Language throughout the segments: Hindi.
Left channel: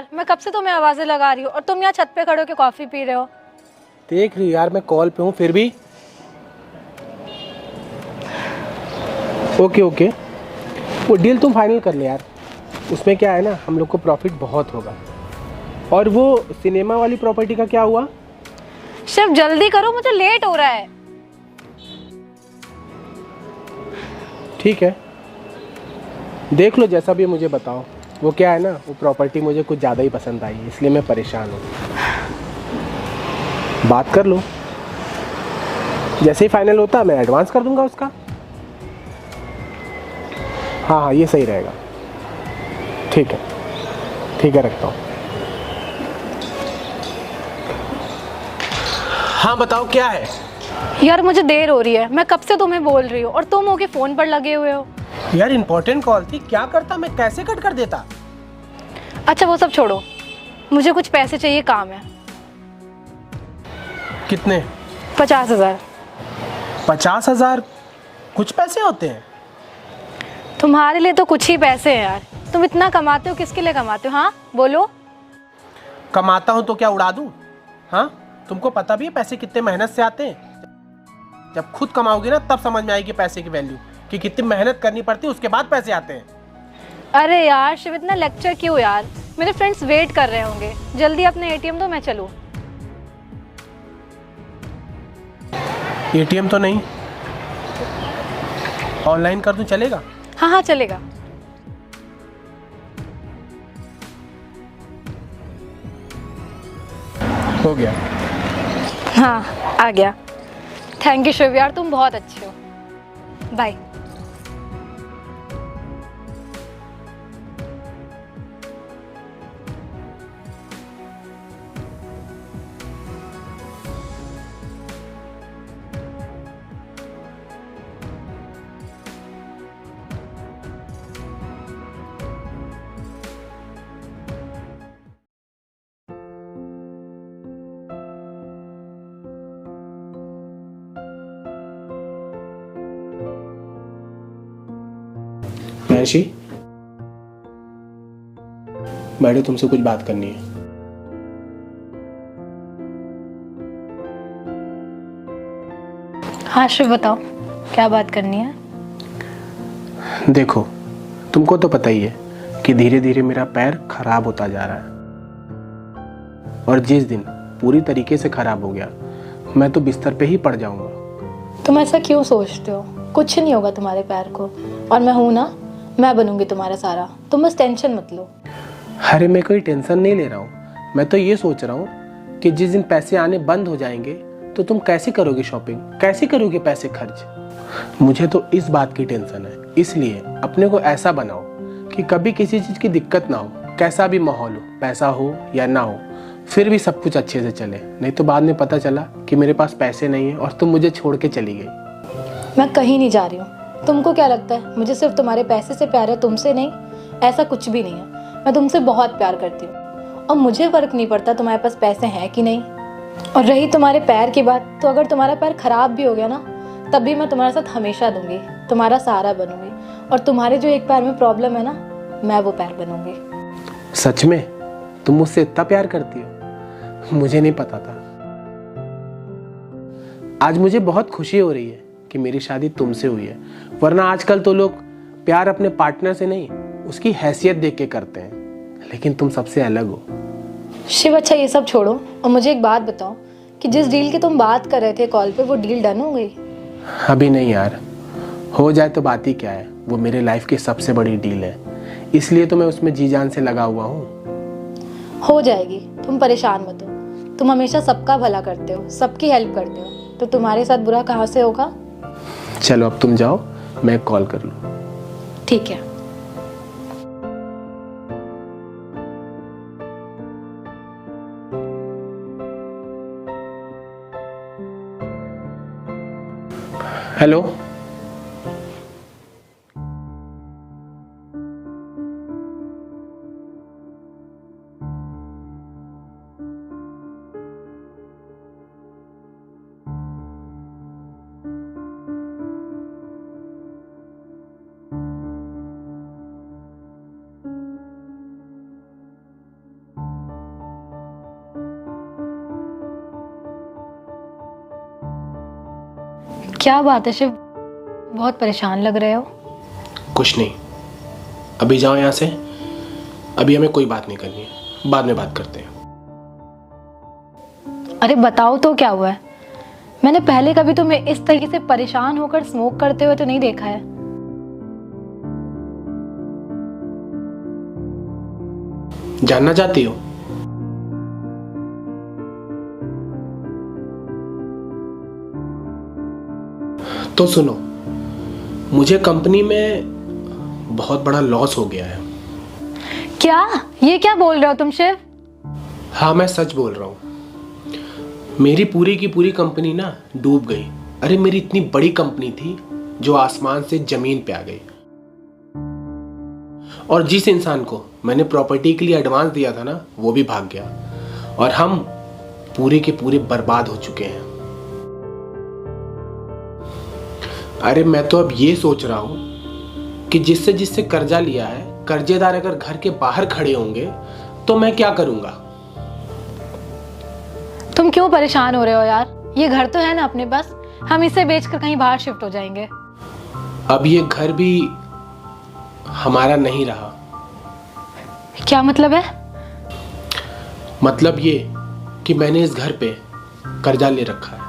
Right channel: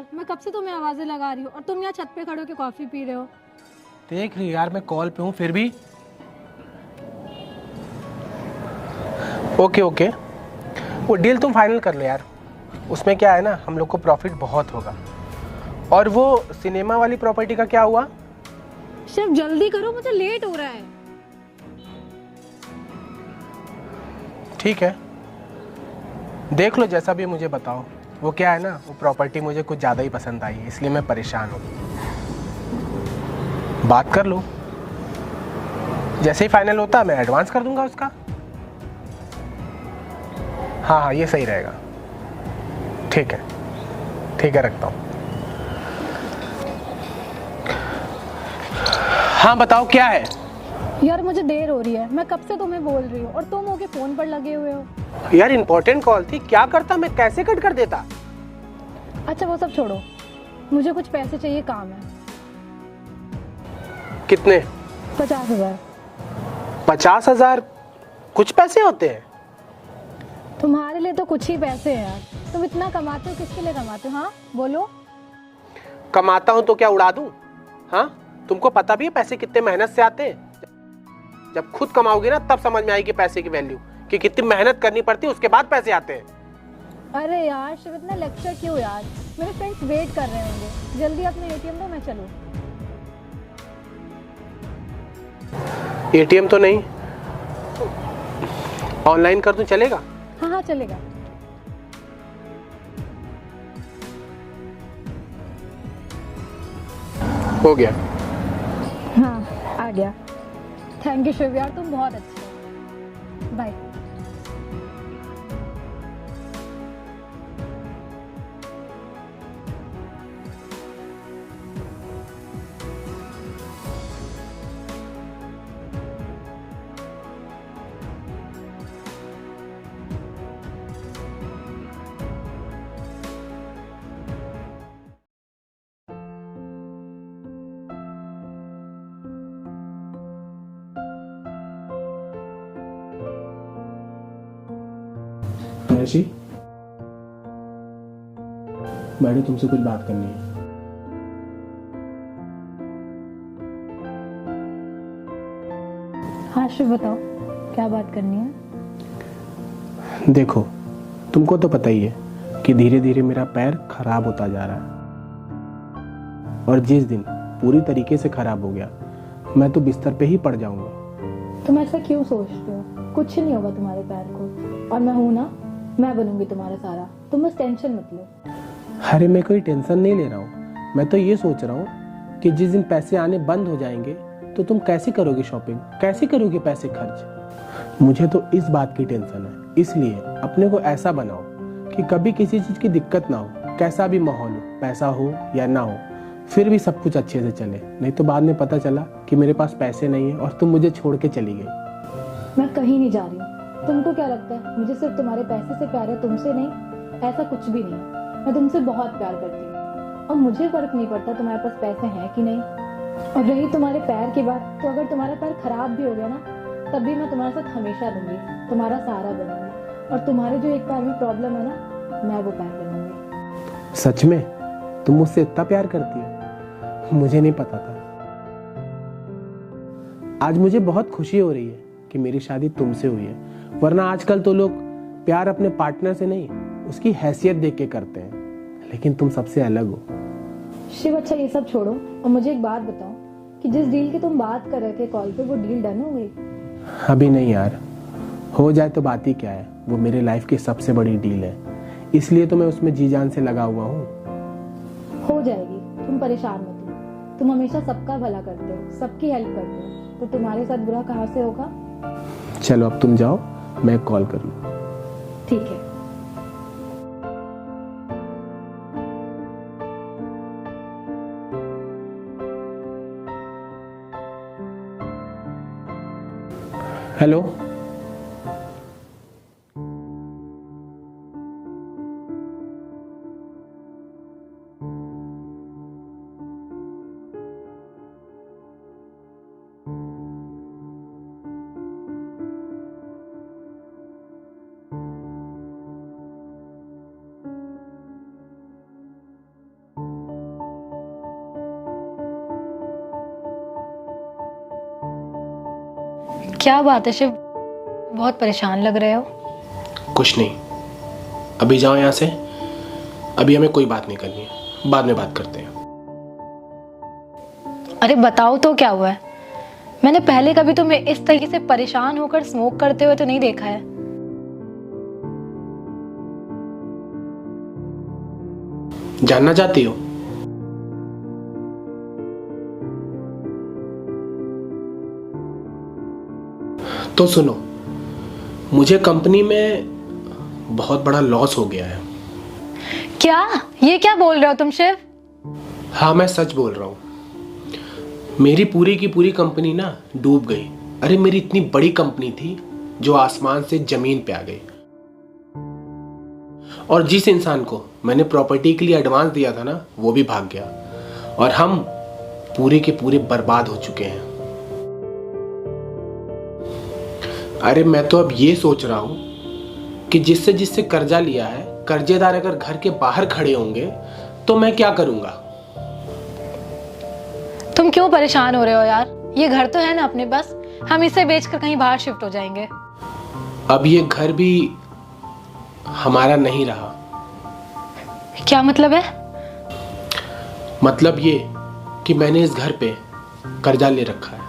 यार, मैं कब से तुम्हें आवाजें लगा रही हूँ और तुम यहाँ छत पे खड़े होकर कॉफी पी रहे हो। देख रही यार, मैं कॉल पे हूँ फिर भी। ओके ओके, वो डील तुम फाइनल कर लो यार। उसमें क्या है ना, हम लोग को प्रॉफिट बहुत होगा। और वो सिनेमा वाली प्रॉपर्टी का क्या हुआ? शिव जल्दी करो, मुझे लेट हो रहा है। ठीक है, देख लो जैसा भी है, मुझे बताओ। वो क्या है ना, वो प्रॉपर्टी मुझे कुछ ज़्यादा ही पसंद आई, इसलिए मैं परेशान हूँ। बात कर लो, जैसे ही फाइनल होता मैं एडवांस कर दूंगा उसका। हाँ हाँ, ये सही रहेगा। ठीक है ठीक है, रखता हूँ। हाँ बताओ, क्या है? यार मुझे देर हो रही है, मैं कब से तुम्हें बोल रही हूँ और तुम होके फोन पर लगे हुए हो। यार इंपॉर्टेंट कॉल थी, क्या करता मैं, कैसे कट कर देता। अच्छा वो सब छोड़ो, मुझे कुछ पैसे चाहिए, काम है। कितने? 50,000। 50,000? कुछ पैसे होते हैं? तुम्हारे लिए तो कुछ ही पैसे हैं यार। तुम इतना कमाते हो, किसके लिए कमाते हो? हाँ बोलो। कमाता हूं तो क्या उड़ा दूं? हाँ, तुमको पता भी है पैसे कितने मेहनत से आते हैं। जब खुद कमाओगे ना तब समझ में आएगी पैसे की वैल्यू, कि कितनी मेहनत करनी पड़ती है, उसके बाद पैसे आते हैं। अरे यार शिव, इतना लेक्चर क्यों यार, मेरे फ्रेंड्स वेट कर रहे होंगे। जल्दी अपने एटीएम दो, मैं चलूं। एटीएम तो नहीं, ऑनलाइन कर दूं, चलेगा? हाँ हाँ चलेगा। हो गया। हाँ आ गया। थैंक यू शिव यार, तुम बहुत अच्छे हो। बाय। महर्षि, बैठो, तुमसे कुछ बात करनी है। हाँ शिव बताओ, क्या बात करनी है? देखो, तुमको तो पता ही है कि धीरे धीरे मेरा पैर खराब होता जा रहा है, और जिस दिन पूरी तरीके से खराब हो गया मैं तो बिस्तर पे ही पड़ जाऊंगा। तुम ऐसा क्यों सोचते हो? कुछ नहीं होगा तुम्हारे पैर को, और मैं हूं ना, मैं बनूंगी तुम्हारा सारा। तुम बस टेंशन मत लो। अरे मैं कोई टेंशन नहीं ले रहा हूँ, मैं तो ये सोच रहा हूँ कि जिस दिन पैसे आने बंद हो जाएंगे तो तुम कैसे करोगे शॉपिंग, कैसे करोगे पैसे खर्च। मुझे तो इस बात की टेंशन है, इसलिए अपने को ऐसा बनाओ कि कभी किसी चीज़ की दिक्कत ना हो, कैसा भी माहौल हो, पैसा हो या ना हो, फिर भी सब कुछ अच्छे से चले। नहीं तो बाद में पता चला कि मेरे पास पैसे नहीं है और तुम मुझे छोड़ के चली गई। मैं कहीं नहीं जा रही हूँ। तुमको क्या लगता है मुझे सिर्फ तुम्हारे पैसे से प्यार है, तुमसे नहीं? ऐसा कुछ भी नहीं है। मैं तुमसे बहुत प्यार करती हूँ और मुझे फर्क नहीं पड़ता तुम्हारे पास पैसे हैं कि नहीं। और रही तुम्हारे पैर की बात, तो अगर तुम्हारा पैर खराब भी हो गया ना, तब भी मैं तुम्हारे साथ हमेशा दूंगी, तुम्हारा सहारा बनूंगी। और तुम्हारे जो एक पैर में प्रॉब्लम है ना, मैं वो पैर बनूंगी। सच में तुम मुझसे इतना प्यार करती हो? मुझे नहीं पता था। आज मुझे बहुत खुशी हो रही है कि मेरी शादी तुमसे हुई है, वरना आजकल तो लोग प्यार अपने पार्टनर से नहीं, उसकी हैसियत देख के करते हैं, लेकिन तुम सबसे अलग हो। शिव अच्छा ये सब छोड़ो और मुझे एक बात बताओ कि जिस डील की तुम बात कर रहे थे कॉल पे, वो डील डन हो गई? अभी नहीं यार, हो जाए तो बात ही क्या है, वो मेरे लाइफ की सबसे बड़ी डील है, इसलिए तो मैं उसमें जी जान से लगा हुआ हूँ। हो जाएगी, तुम परेशान मत हो। तुम हमेशा सबका भला करते हो, सबकी हेल्प करते हो, तो तुम्हारे साथ बुरा कहाँ से होगा? चलो अब तुम जाओ, मैं कॉल कर लूँ। ठीक है। हेलो। क्या बात है शिव, बहुत परेशान लग रहे हो। कुछ नहीं, अभी जाओ यहाँ से। अभी हमें कोई बात नहीं करनी है, बाद में बात करते हैं। अरे बताओ तो क्या हुआ है। मैंने पहले कभी तुम्हें इस तरीके से परेशान होकर स्मोक करते हुए तो नहीं देखा है। जानना चाहती हो? तो सुनो, मुझे कंपनी में बहुत बड़ा लॉस हो गया है। क्या? ये क्या बोल रहे हो तुम शिव? हाँ, मैं सच बोल रहा हूँ। मेरी पूरी की पूरी कंपनी ना डूब गई। अरे मेरी इतनी बड़ी कंपनी थी जो आसमान से जमीन पे आ गई। और जिस इंसान को मैंने प्रॉपर्टी के लिए एडवांस दिया था ना, वो भी भाग गया। और हम पूरे के पूरे बर्बाद हो चुके हैं। अरे मैं तो अब ये सोच रहा हूं कि जिससे जिससे कर्जा लिया है, कर्जेदार अगर घर के बाहर खड़े होंगे तो मैं क्या करूंगा। तुम क्यों परेशान हो रहे हो यार? ये घर तो है ना अपने पास, हम इसे बेचकर कहीं बाहर शिफ्ट हो जाएंगे। अब ये घर भी हमारा नहीं रहा। क्या मतलब है? मतलब ये कि मैंने इस घर पे कर्जा ले रखा है,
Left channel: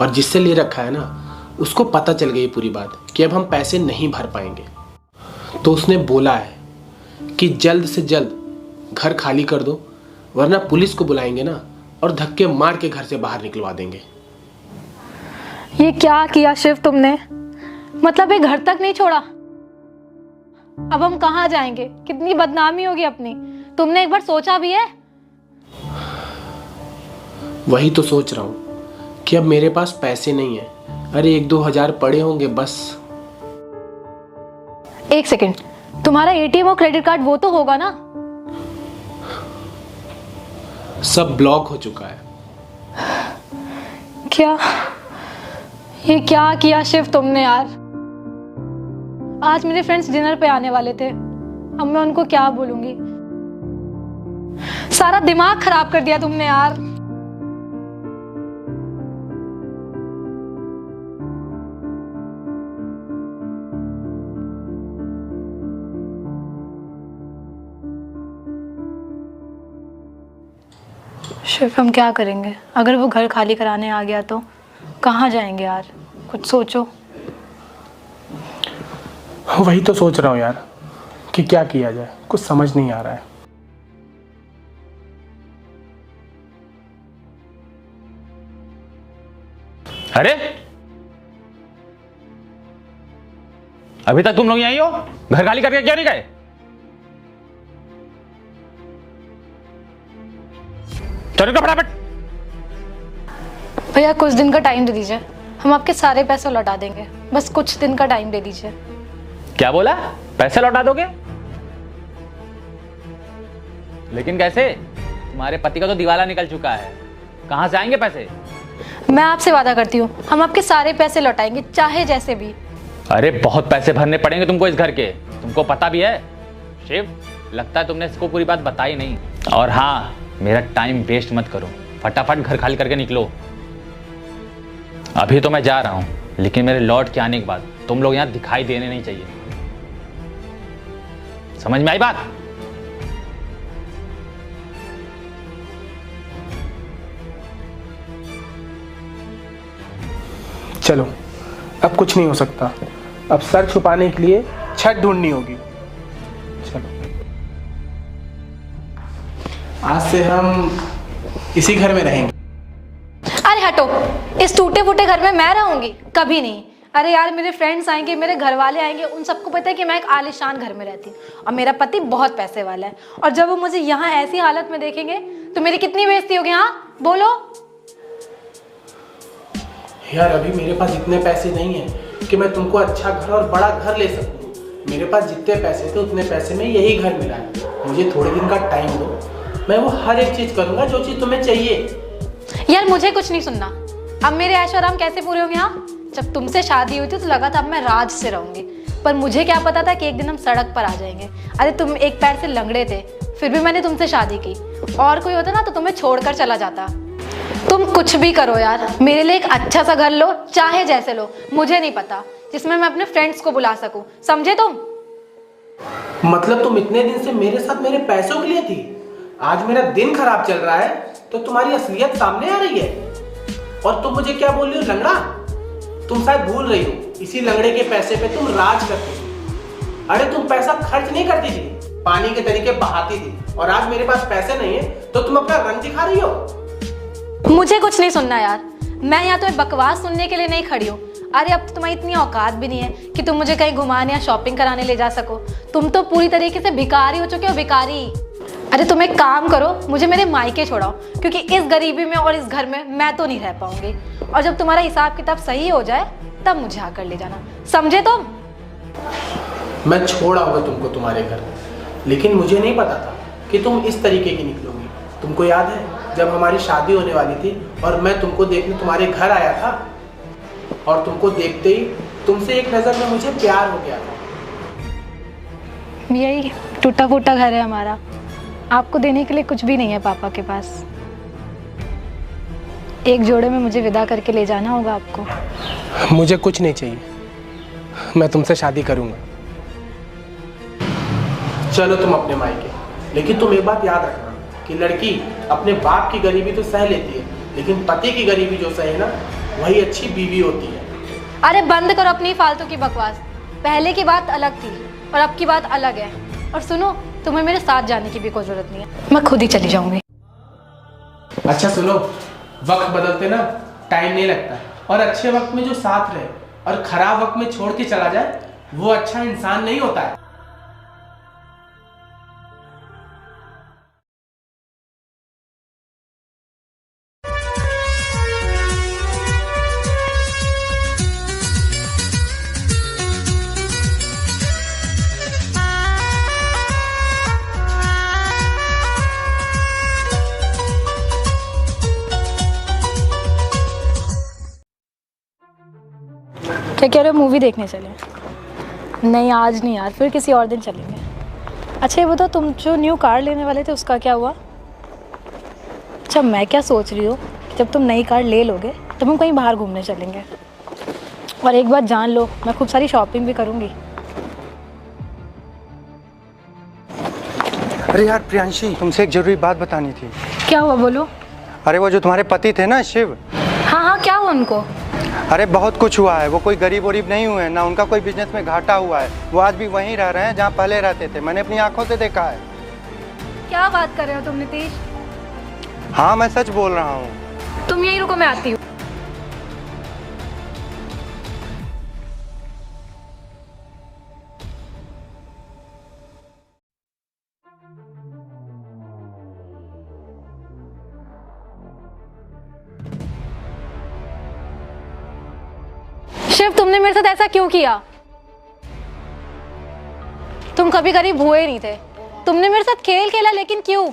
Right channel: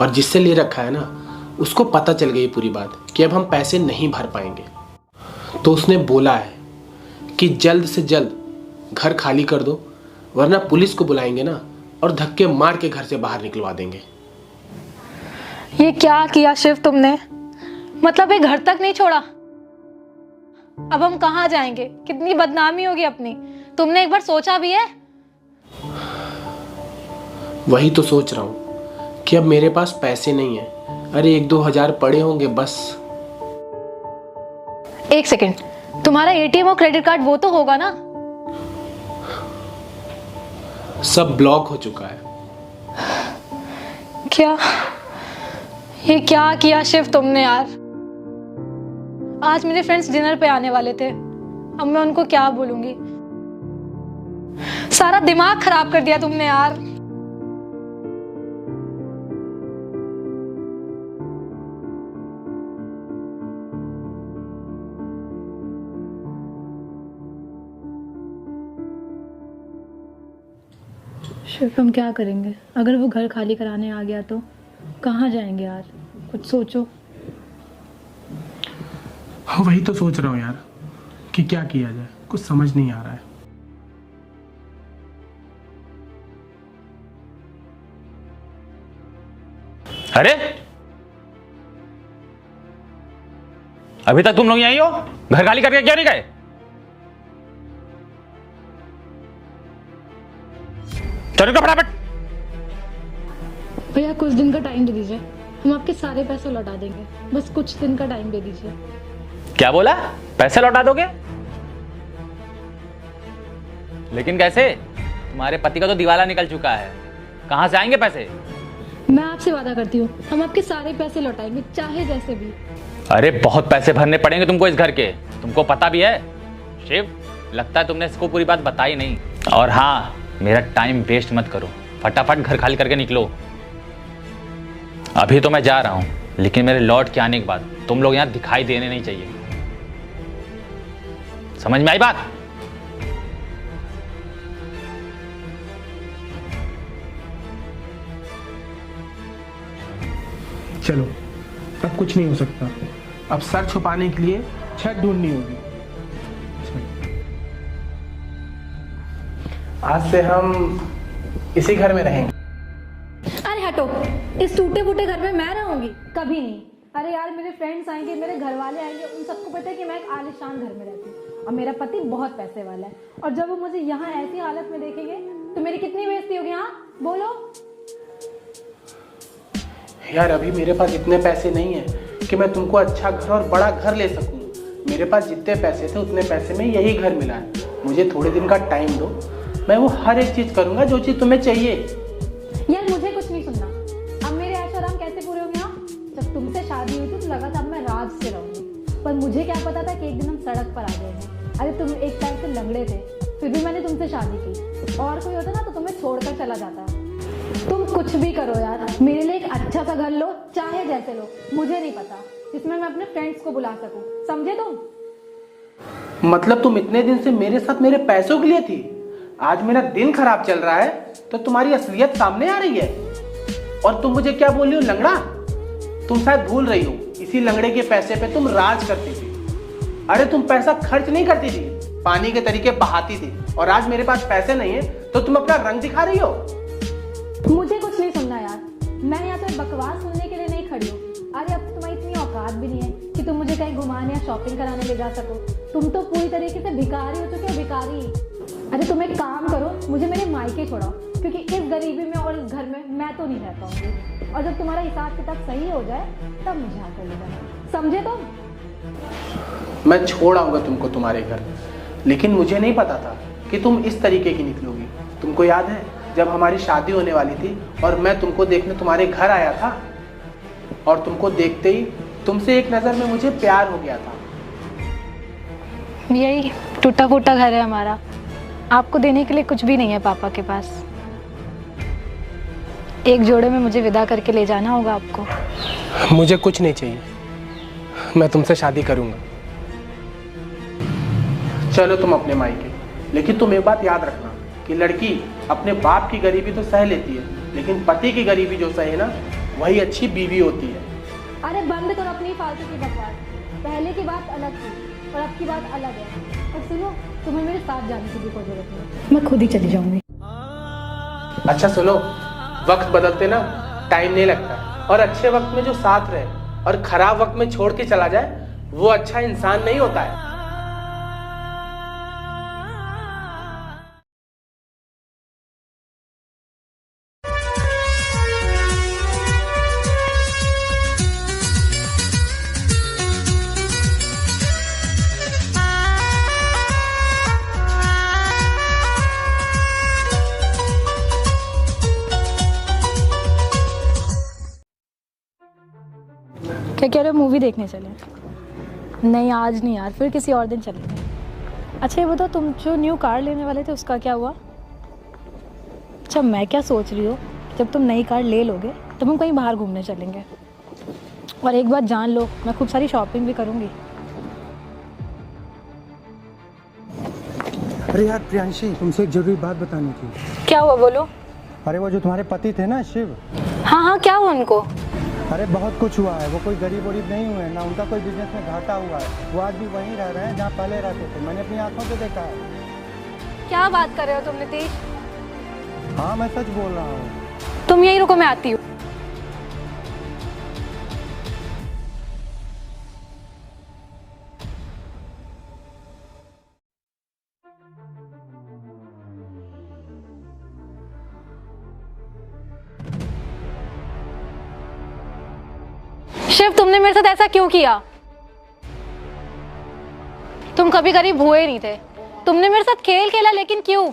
और जिससे ले रखा है ना, उसको पता चल गई पूरी बात कि अब हम पैसे नहीं भर पाएंगे। तो उसने बोला है कि जल्द से जल्द घर खाली कर दो, वरना पुलिस को बुलाएंगे ना, और धक्के मार के घर से बाहर निकलवा देंगे। ये क्या किया शिव तुमने? मतलब ये घर तक नहीं छोड़ा? अब हम कहाँ जाएंगे? कितनी बदनामी होगी अपनी। तुमने एक बार सोचा भी है? वही तो सोच रहा हूँ कि अब मेरे पास पैसे नहीं है। अरे 1-2 हजार पड़े होंगे बस। एक सेकंड, तुम्हारा एटीएम और क्रेडिट कार्ड वो तो होगा ना? सब ब्लॉक हो चुका है। क्या? ये क्या किया शिव तुमने यार? आज मेरे फ्रेंड्स डिनर पे आने वाले थे, अब मैं उनको क्या बोलूंगी? सारा दिमाग खराब कर दिया तुमने यार। शिव हम क्या करेंगे? अगर वो घर खाली कराने आ गया तो कहाँ जाएंगे यार? कुछ सोचो। वही तो सोच रहा हूँ यार कि क्या किया जाए, कुछ समझ नहीं आ रहा है। अरे अभी तक तुम लोग यहीं हो? घर खाली करके क्यों नहीं गए? चलो तो फटाफट। भैया कुछ दिन का टाइम दे दीजिए, हम आपके सारे पैसे लौटा देंगे। बस कुछ दिन का टाइम दे दीजिए। क्या बोला? पैसे लौटा दोगे? लेकिन कैसे? तुम्हारे पति का तो दिवाला निकल चुका है, कहां से आएंगे पैसे? मैं आपसे वादा करती हूँ, हम आपके सारे पैसे लौटाएंगे, चाहे जैसे भी। अरे बहुत पैसे भरने पड़ेंगे तुमको इस घर के, तुमको पता भी है। शिव, लगता है तुमने इसको पूरी बात बताई नहीं। और हाँ, मेरा टाइम वेस्ट मत करो, फटाफट घर खाली करके निकलो। अभी तो मैं जा रहा हूं, लेकिन मेरे लौट के आने के बाद तुम लोग यहां दिखाई देने नहीं चाहिए। समझ में आई बात? चलो, अब कुछ नहीं हो सकता। अब सर छुपाने के लिए छत ढूंढनी होगी। चलो, आज से हम इसी घर में रहेंगे। अरे हटो, इस टूटे फूटे घर में मैं रहूंगी? कभी नहीं। अरे यार, मेरे फ्रेंड्स आएंगे, मेरे घर वाले आएंगे, उन सबको पता है कि मैं एक आलीशान घर में रहती हूँ और मेरा पति बहुत पैसे वाला है। और जब वो मुझे यहाँ ऐसी हालत में देखेंगे तो मेरी कितनी बेइज्जती होगी। हाँ बोलो। यार अभी मेरे पास इतने पैसे नहीं है कि मैं तुमको अच्छा घर और बड़ा घर ले सकूँ। मेरे पास जितने पैसे थे उतने पैसे में यही घर मिला है। मुझे थोड़े दिन का टाइम दो, मैं वो हर एक चीज करूंगा जो चीज तुम्हें चाहिए। यार मुझे कुछ नहीं सुनना। अब मेरे ऐशो आराम कैसे पूरे होंगे? हाँ, जब तुमसे शादी हुई थी तो लगा था अब मैं राज से रहूंगी, पर मुझे क्या पता था कि एक दिन हम सड़क पर आ जाएंगे। अरे तुम एक पैर से लंगड़े थे, फिर भी मैंने तुमसे शादी की। और कोई होता ना तो तुम्हें छोड़कर चला जाता। तुम कुछ भी करो यार, मेरे लिए एक अच्छा सा घर लो, चाहे जैसे लो, मुझे नहीं पता, जिसमें मैं अपने फ्रेंड्स को बुला सकूं, समझे तुम? मतलब तुम इतने दिन से मेरे साथ मेरे पैसों के लिए थी, आज मेरा दिन खराब चल रहा है तो तुम्हारी असलियत सामने आ रही है और तुम मुझे क्या बोल रही हो, लंगड़ा? तुम शायद भूल रही हो, इसी लंगड़े के पैसे पे तुम राज करती थी। अरे तुम पैसा खर्च नहीं करती थी, पानी के तरीके बहाती थी, और आज मेरे पास पैसे नहीं है तो तुम अपना रंग दिखा रही हो। मुझे कुछ नहीं सुनना यार, मैं यहाँ तो एक बकवास सुनने के लिए नहीं खड़ी हूँ। अरे अब तो तुम्हारी इतनी औकात भी नहीं है कि तुम मुझे कहीं घुमाने या शॉपिंग कराने ले जा सको। तुम तो पूरी तरीके से भिखारी हो चुके हो, भिखारी। अरे तुम एक काम करो, मुझे मेरे मायके छोड़ाओ, क्योंकि इस गरीबी में और इस घर में मैं तो नहीं रह पाऊंगी। और जब तुम्हारा हिसाब किताब सही हो जाए तब मुझे आकर ले जाना, समझे तुम? मैं छोड़ आऊंगा तुमको तुम्हारे घर, लेकिन मुझे नहीं पता था कि तुम इस तरीके की निकलोगी। तुमको याद है जब हमारी शादी होने वाली थी और मैं तुमको देखने तुम्हारे घर आया था, और तुमको देखते ही तुमसे एक नजर में मुझे प्यार हो गया था। यही टूटा फूटा घर है हमारा, आपको देने के लिए कुछ भी नहीं है पापा के पास। एक जोड़े में मुझे विदा करके ले जाना होगा आपको। मुझे कुछ नहीं चाहिए, मैं तुमसे शादी करूंगा। चलो तुम अपने मायके, लेकिन तुम एक बात याद रखना कि लड़की अपने बाप की गरीबी तो सह लेती है, लेकिन पति की गरीबी जो सहे ना, वही अच्छी बीवी होती है। अरे बंद करो अपनी फालतू की बकवास। पहले की बात अलग थी और अब की बात अलग है। और सुनो, तुम्हें मेरे साथ जाने की भी कोई जरूरत नहीं है, मैं खुद ही चली जाऊंगी। अच्छा सुनो, वक्त बदलते ना टाइम नहीं लगता, और अच्छे वक्त में जो साथ रहे और खराब वक्त में छोड़ के चला जाए वो अच्छा इंसान नहीं होता है। क्या कह रहे हो, मूवी देखने चले? नहीं आज नहीं यार, फिर किसी और दिन चलेंगे। अच्छा ये बताओ, तुम जो न्यू कार लेने वाले थे उसका क्या हुआ? अच्छा मैं क्या सोच रही हूँ कि जब तुम नई कार ले लोगे तब हम कहीं बाहर घूमने चलेंगे। और एक बात जान लो, मैं खूब सारी शॉपिंग भी करूँगी। अरे यार प्रियांशी, तुमसे एक जरूरी बात बतानी थी। क्या हुआ, बोलो। अरे वो जो तुम्हारे पति थे ना, शिव। हाँ हाँ, क्या हुआ उनको? अरे बहुत कुछ हुआ है, वो कोई गरीब वरीब नहीं हुए हैं ना, उनका कोई बिजनेस में घाटा हुआ है। वो आज भी वहीं रह रहे हैं जहाँ पहले रहते थे, मैंने अपनी आंखों से देखा है। क्या बात कर रहे हो तुम नितेश? हाँ मैं सच बोल रहा हूँ। तुम यहीं रुको, मैं आती हूँ। शिव, तुमने मेरे साथ ऐसा क्यों किया? तुम कभी गरीब हुए नहीं थे, तुमने मेरे साथ खेल खेला, लेकिन क्यों?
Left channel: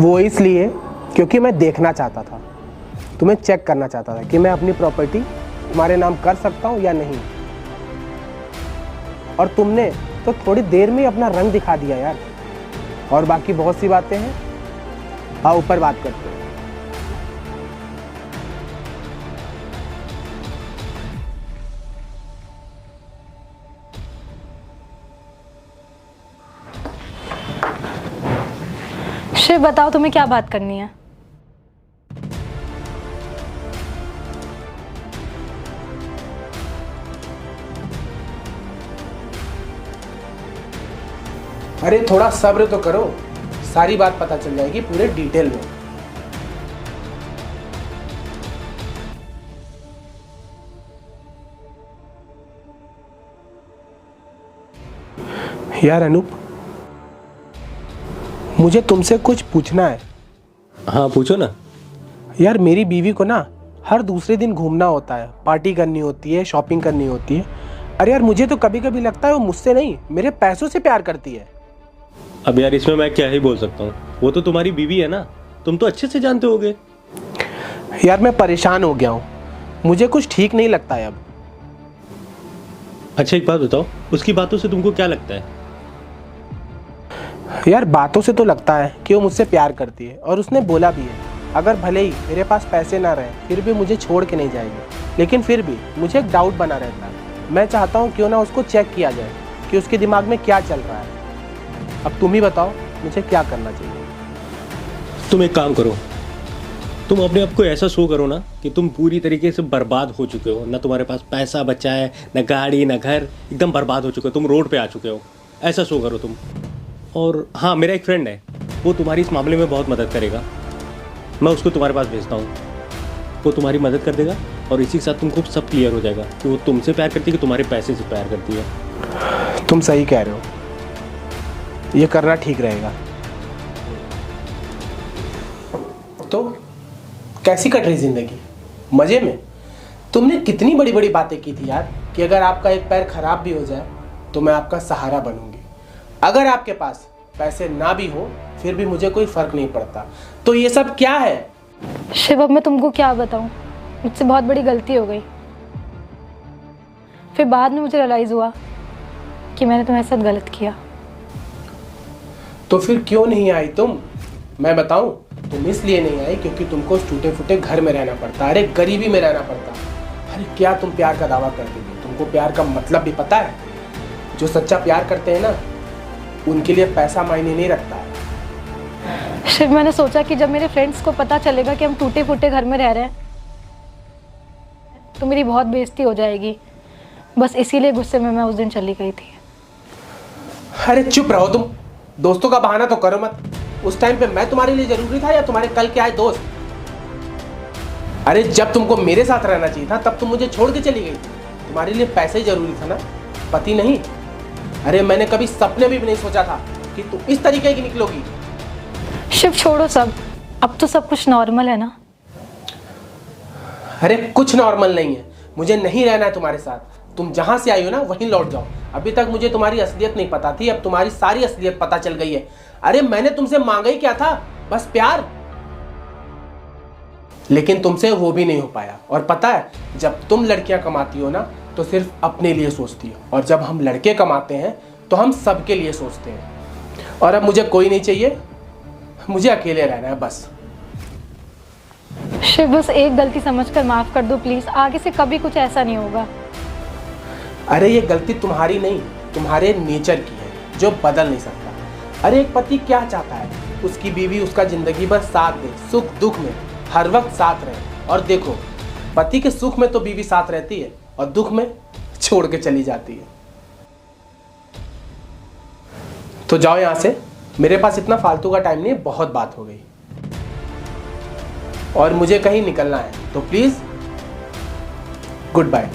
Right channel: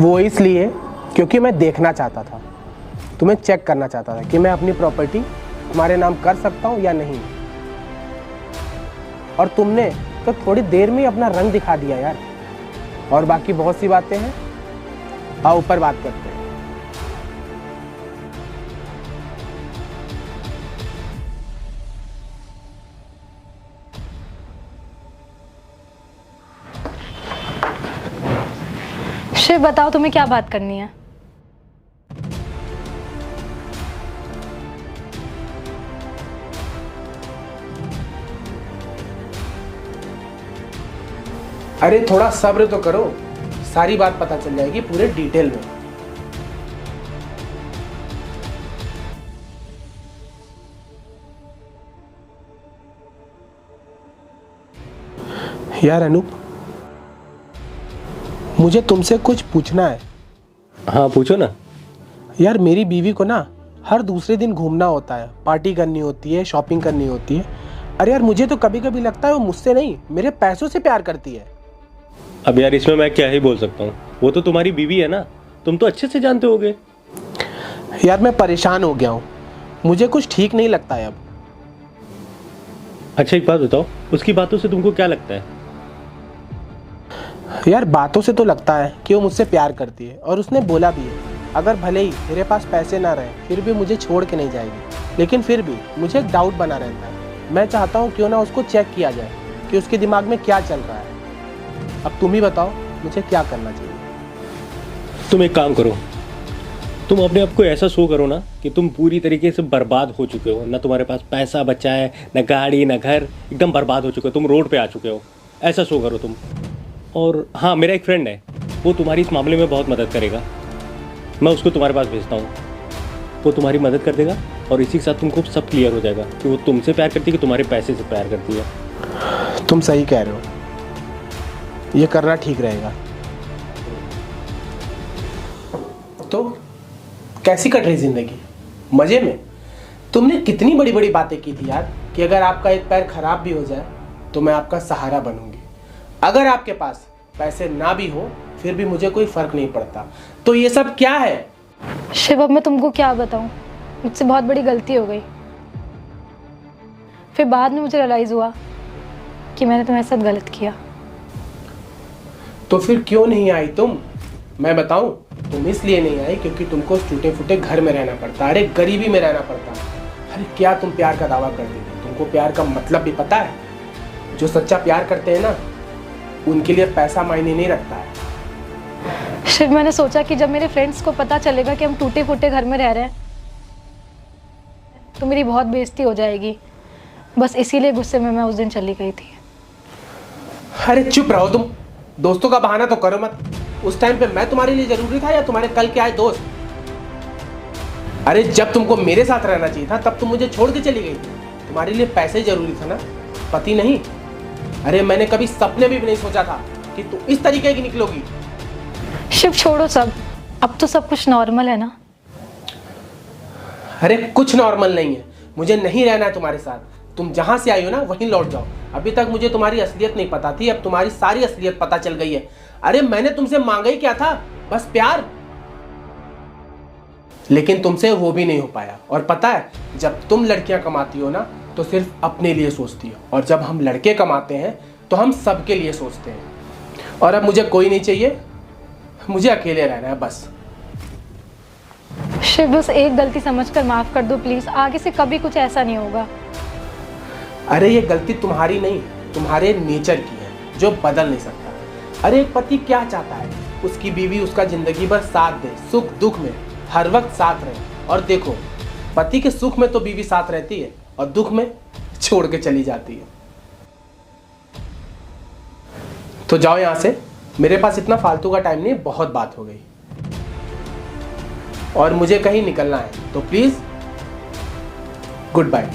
वो इसलिए क्योंकि मैं देखना चाहता था, तुम्हें चेक करना चाहता था कि मैं अपनी प्रॉपर्टी तुम्हारे नाम कर सकता हूँ या नहीं। और तुमने तो थोड़ी देर में ही अपना रंग दिखा दिया यार। और बाकी बहुत सी बातें हैं, आओ ऊपर बात करते हैं। शिव बताओ, तुम्हें क्या बात करनी है? अरे थोड़ा सब्र तो करो, सारी बात पता चल जाएगी पूरे डिटेल में। यार अनूप, मुझे तुमसे कुछ पूछना है। हाँ पूछो ना। यार मेरी बीवी को ना हर दूसरे दिन घूमना होता है, पार्टी करनी होती है, शॉपिंग करनी होती है। अरे यार मुझे तो कभी कभी लगता है वो मुझसे नहीं, मेरे पैसों से प्यार करती है। अब यार इसमें मैं क्या ही बोल सकता हूँ, वो तो तुम्हारी बीवी है ना, तुम तो अच्छे से जानते होगे। यार मैं परेशान हो गया हूँ, मुझे कुछ ठीक नहीं लगता है अब। अच्छा एक बात बताओ, उसकी बातों से तुमको क्या लगता है? यार बातों से तो लगता है कि वो मुझसे प्यार करती है, और उसने बोला भी है अगर भले ही मेरे पास पैसे ना रहे फिर भी मुझे छोड़ के नहीं जाएगी। लेकिन फिर भी मुझे एक डाउट बना रहता है। मैं चाहता हूँ क्यों ना उसको चेक किया जाए कि उसके दिमाग में क्या चल रहा है। अब तुम ही बताओ मुझे क्या करना चाहिए। तुम एक काम करो, तुम अपने आप को ऐसा शो करो ना कि तुम पूरी तरीके से बर्बाद हो चुके हो, ना तुम्हारे पास पैसा बचा है, ना गाड़ी, ना घर, एकदम बर्बाद हो चुके हो, तुम रोड पे आ चुके हो, ऐसा शो करो तुम। और हाँ, मेरा एक फ्रेंड है, वो तुम्हारी इस मामले में बहुत मदद करेगा, मैं उसको तुम्हारे पास भेजता हूँ, वो तुम्हारी मदद कर देगा और इसी के साथ तुमको सब क्लियर हो जाएगा कि वो तुमसे प्यार करती है कि तुम्हारे पैसे से प्यार करती है। तुम सही कह रहे हो, ये करना ठीक रहेगा। तो कैसी कट रही जिंदगी? मजे में? तुमने कितनी बड़ी बड़ी बातें की थी यार कि अगर आपका एक पैर खराब भी हो जाए तो मैं आपका सहारा बनूंगी। अगर आपके पास पैसे ना भी हो फिर भी मुझे कोई फर्क नहीं पड़ता। तो ये सब क्या है? शिव, अब मैं तुमको क्या बताऊं, मुझसे बहुत बड़ी गलती हो गई। फिर बाद में मुझे रियलाइज हुआ कि मैंने तुम्हारे साथ गलत किया। तो फिर क्यों नहीं आई तुम? मैं बताऊं, तुम इसलिए नहीं आई क्योंकि तुमको टूटे फूटे घर में रहना पड़ता, अरे गरीबी में रहना पड़ता। अरे क्या तुम प्यार का दावा करते थे? तुमको प्यार का मतलब भी पता है? जो सच्चा प्यार करते हैं ना उनके लिए पैसा मायने नहीं रखता है। शिव, मैंने सोचा कि जब मेरे फ्रेंड्स को पता चलेगा कि हम टूटे फूटे घर में रह रहे हैं तो मेरी बहुत बेइज्जती हो जाएगी। बस इसीलिए गुस्से में मैं उस दिन चली गई थी। अरे चुप रहो तुम, दोस्तों का बहाना तो करो मत। उस टाइम पे मैं तुम्हारे लिए जरूरी था या तुम्हारे कल के आए दोस्त? अरे जब तुमको मेरे साथ रहना चाहिए था तब तुम मुझे छोड़ के चली गई थी। तुम्हारे लिए पैसे ही जरूरी था ना, पति नहीं। अरे मैंने कभी सपने भी नहीं सोचा था कि तू इस तरीके की निकलोगी। शिव छोड़ो सब, अब तो सब कुछ नॉर्मल है ना। अरे कुछ नॉर्मल नहीं है, मुझे नहीं रहना है तुम्हारे साथ। तुम जहां से आई हो ना वहीं लौट जाओ। अभी तक मुझे तुम्हारी असलियत नहीं पता थी, अब तुम्हारी सारी असलियत पता चल गई है। अरे मैंने तुमसे मांगा ही क्या था, बस प्यार। लेकिन तुमसे वो भी नहीं हो पाया। और पता है, जब तुम लड़कियां कमाती हो ना तो सिर्फ अपने लिए सोचती हो, और जब हम लड़के कमाते हैं तो हम सबके लिए सोचते हैं। और अब मुझे कोई नहीं चाहिए, मुझे अकेले रहना है बस। शिव, बस एक गलती समझकर माफ कर दो प्लीज, आगे से कभी कुछ ऐसा नहीं होगा। अरे ये गलती तुम्हारी नहीं, तुम्हारे नेचर की है जो बदल नहीं सकता। अरे एक पति क्या चाहता है? उसकी बीवी उसका जिंदगी भर साथ दे, सुख दुख में हर वक्त साथ रहे। और देखो, पति के सुख में तो बीवी साथ रहती है और दुख में छोड़ के चली जाती है। तो जाओ यहां से, मेरे पास इतना फालतू का टाइम नहीं, बहुत बात हो गई और मुझे कहीं निकलना है। तो प्लीज गुड बाय।